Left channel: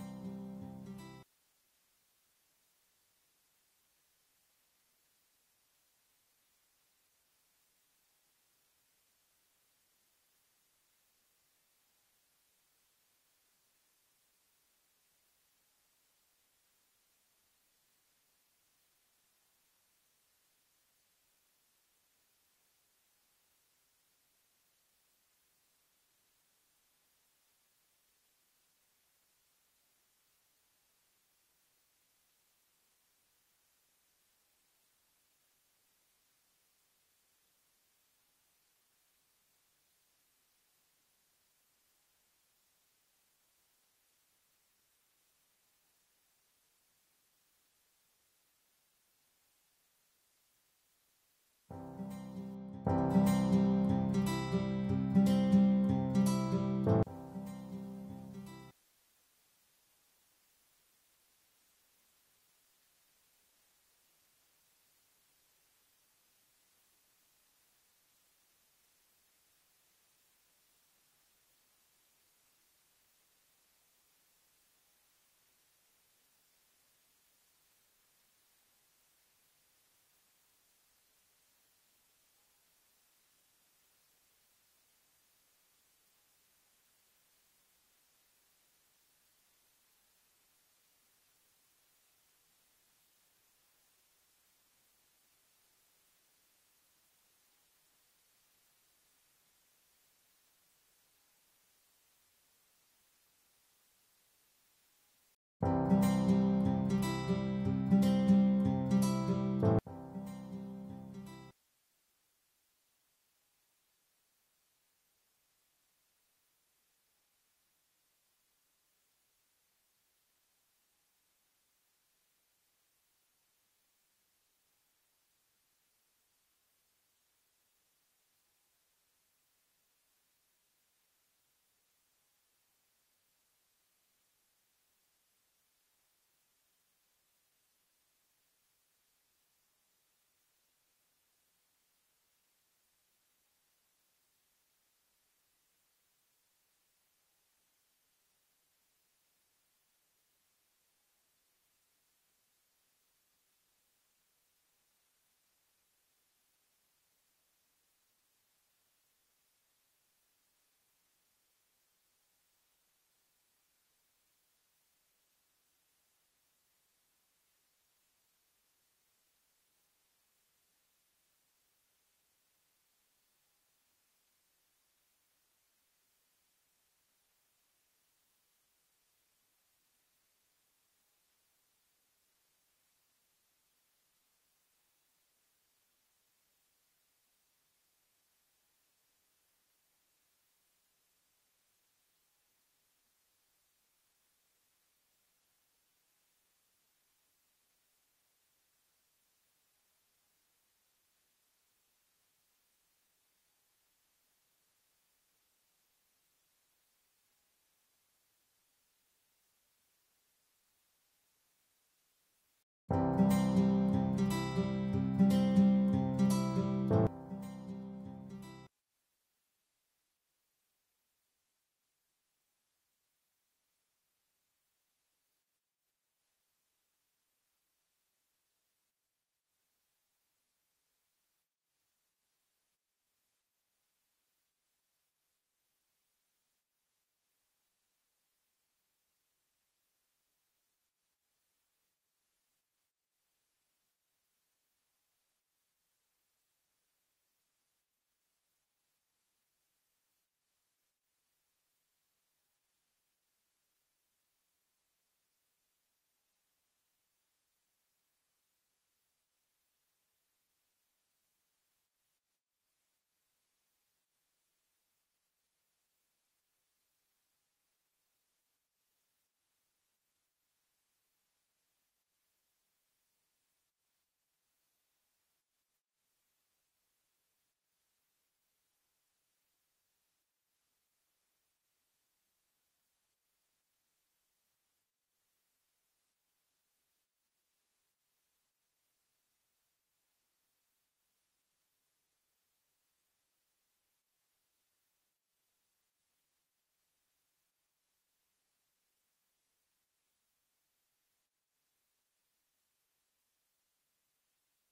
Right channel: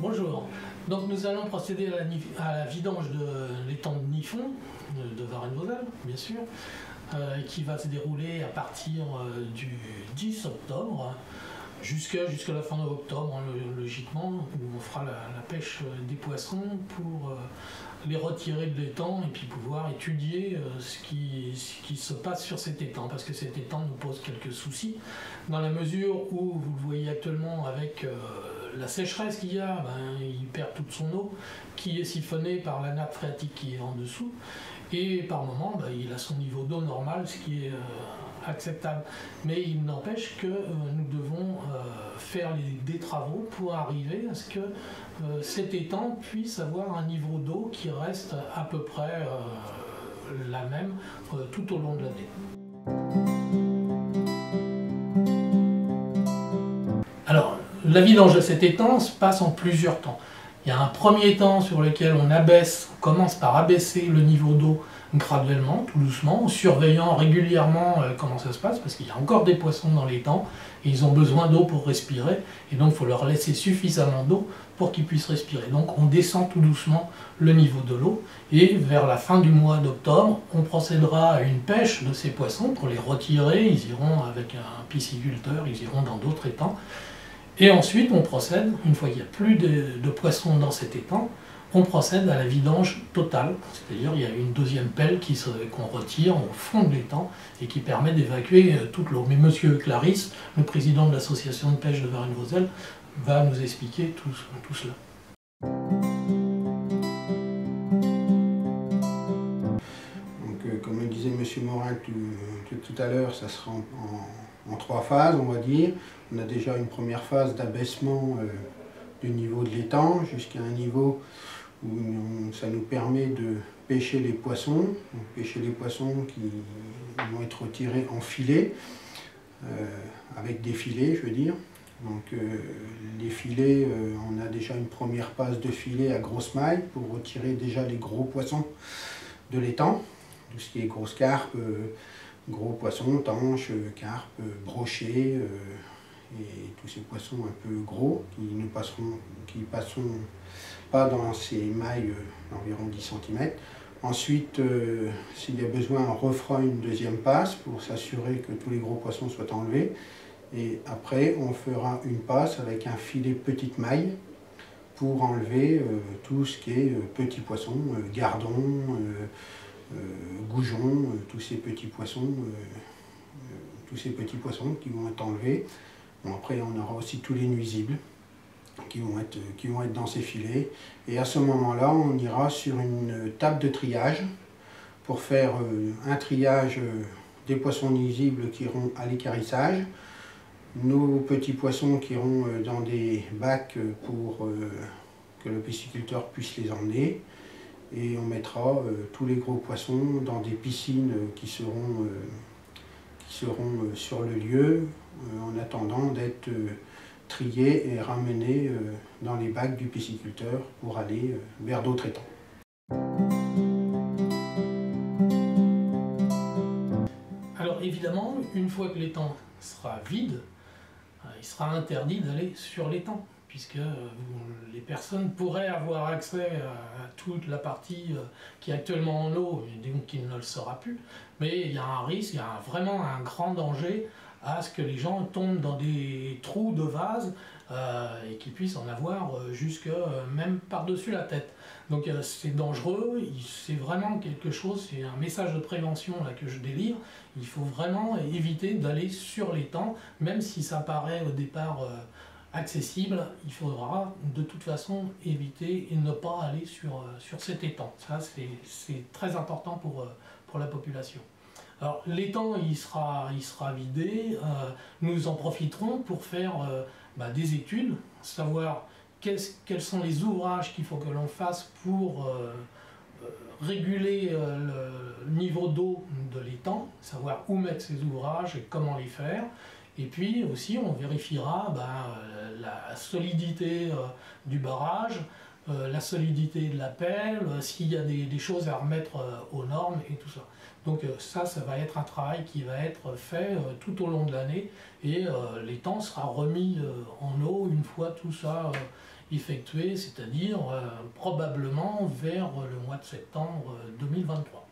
Bonjour, donc nous allons procéder à la vidange de l'étang de Niffon, de Varennes-Vauzelles bien sûr, qui va se dérouler à partir du 10 octobre jusqu'à la fin de octobre, logiquement, où on fera la pêche des poissons pour les retirer de l'étang et puis pouvoir étudier ce qui se passe sur cet étang, parce que cet étang nous pose quelques soucis, dans la mesure où, vous le voyez actuellement avec la sécheresse qu'il y a, il perd toute son eau, qui est siphonnée par la nappe phréatique qui est en dessous, et par moment il a son niveau d'eau normal, ce qui est acceptable. Mais il n'empêche que nous devons faire des travaux pour arriver à ce que cet étang puisse avoir un niveau d'eau qui reste à peu près la même tout au long de l'année. Alors, la vidange de cet étang se passe en plusieurs temps. Il y a un premier temps sur lequel on commence par abaisser le niveau d'eau graduellement, tout doucement, en surveillant régulièrement comment ça se passe, parce qu'il y a encore des poissons dans l'étang, et ils ont besoin d'eau pour respirer, et donc il faut leur laisser suffisamment d'eau pour qu'ils puissent respirer. Donc on descend tout doucement le niveau de l'eau, et vers la fin du mois d'octobre, on procédera à une pêche de ces poissons pour les retirer. Ils iront avec un pisciculteur, ils iront dans d'autres étangs, et ensuite on procède, une fois qu'il n'y a plus de poissons dans cet étang, on procède à la vidange totale, c'est-à-dire il y a une deuxième pelle qu'on retire au fond de l'étang et qui permet d'évacuer toute l'eau. Mais monsieur Clarisse, le président de l'association de pêche de Varennes-Vauzelles, va nous expliquer tout cela. Donc, comme le disait monsieur Morin tout à l'heure, ça sera en 3 phases, on va dire. On a déjà une première phase d'abaissement du niveau de l'étang jusqu'à un niveau où ça nous permet de pêcher les poissons. Donc, pêcher les poissons qui vont être retirés en filet, avec des filets, je veux dire. Donc les filets, on a déjà une première passe de filet à grosse maille pour retirer déjà les gros poissons de l'étang. Tout ce qui est grosses carpes, gros poissons, tanches, carpes, brochets, et tous ces poissons un peu gros qui passeront pas dans ces mailles d'environ 10 cm. Ensuite, s'il y a besoin, on refera une deuxième passe pour s'assurer que tous les gros poissons soient enlevés. Et après, on fera une passe avec un filet petite maille pour enlever tout ce qui est petits poissons, gardons, goujons, tous ces petits poissons qui vont être enlevés. Bon, après, on aura aussi tous les nuisibles qui vont être dans ces filets. Et à ce moment-là, on ira sur une table de triage pour faire un triage des poissons nuisibles qui iront à l'équarrissage, nos petits poissons qui iront dans des bacs pour que le pisciculteur puisse les emmener, et on mettra tous les gros poissons dans des piscines qui seront sur le lieu en attendant d'être triés et ramenés dans les bacs du pisciculteur pour aller vers d'autres étangs. Alors évidemment, une fois que l'étang sera vide, il sera interdit d'aller sur l'étang, puisque les personnes pourraient avoir accès à toute la partie qui est actuellement en eau, et donc qui ne le sera plus. Mais il y a un risque, il y a vraiment un grand danger à ce que les gens tombent dans des trous de vase et qu'ils puissent en avoir jusque même par-dessus la tête. Donc c'est dangereux, c'est vraiment quelque chose, c'est un message de prévention là, que je délivre. Il faut vraiment éviter d'aller sur l'étang, même si ça paraît au départ accessible, il faudra de toute façon éviter et ne pas aller sur cet étang. Ça c'est très important pour la population. Alors l'étang il sera vidé, nous en profiterons pour faire des études, savoir quels sont les ouvrages qu'il faut que l'on fasse pour réguler le niveau d'eau de l'étang, savoir où mettre ces ouvrages et comment les faire. Et puis aussi on vérifiera la solidité du barrage, la solidité de la pelle, s'il y a des choses à remettre aux normes et tout ça. Donc ça va être un travail qui va être fait tout au long de l'année et l'étang sera remis en eau une fois tout ça effectué, c'est-à-dire probablement vers le mois de septembre 2023.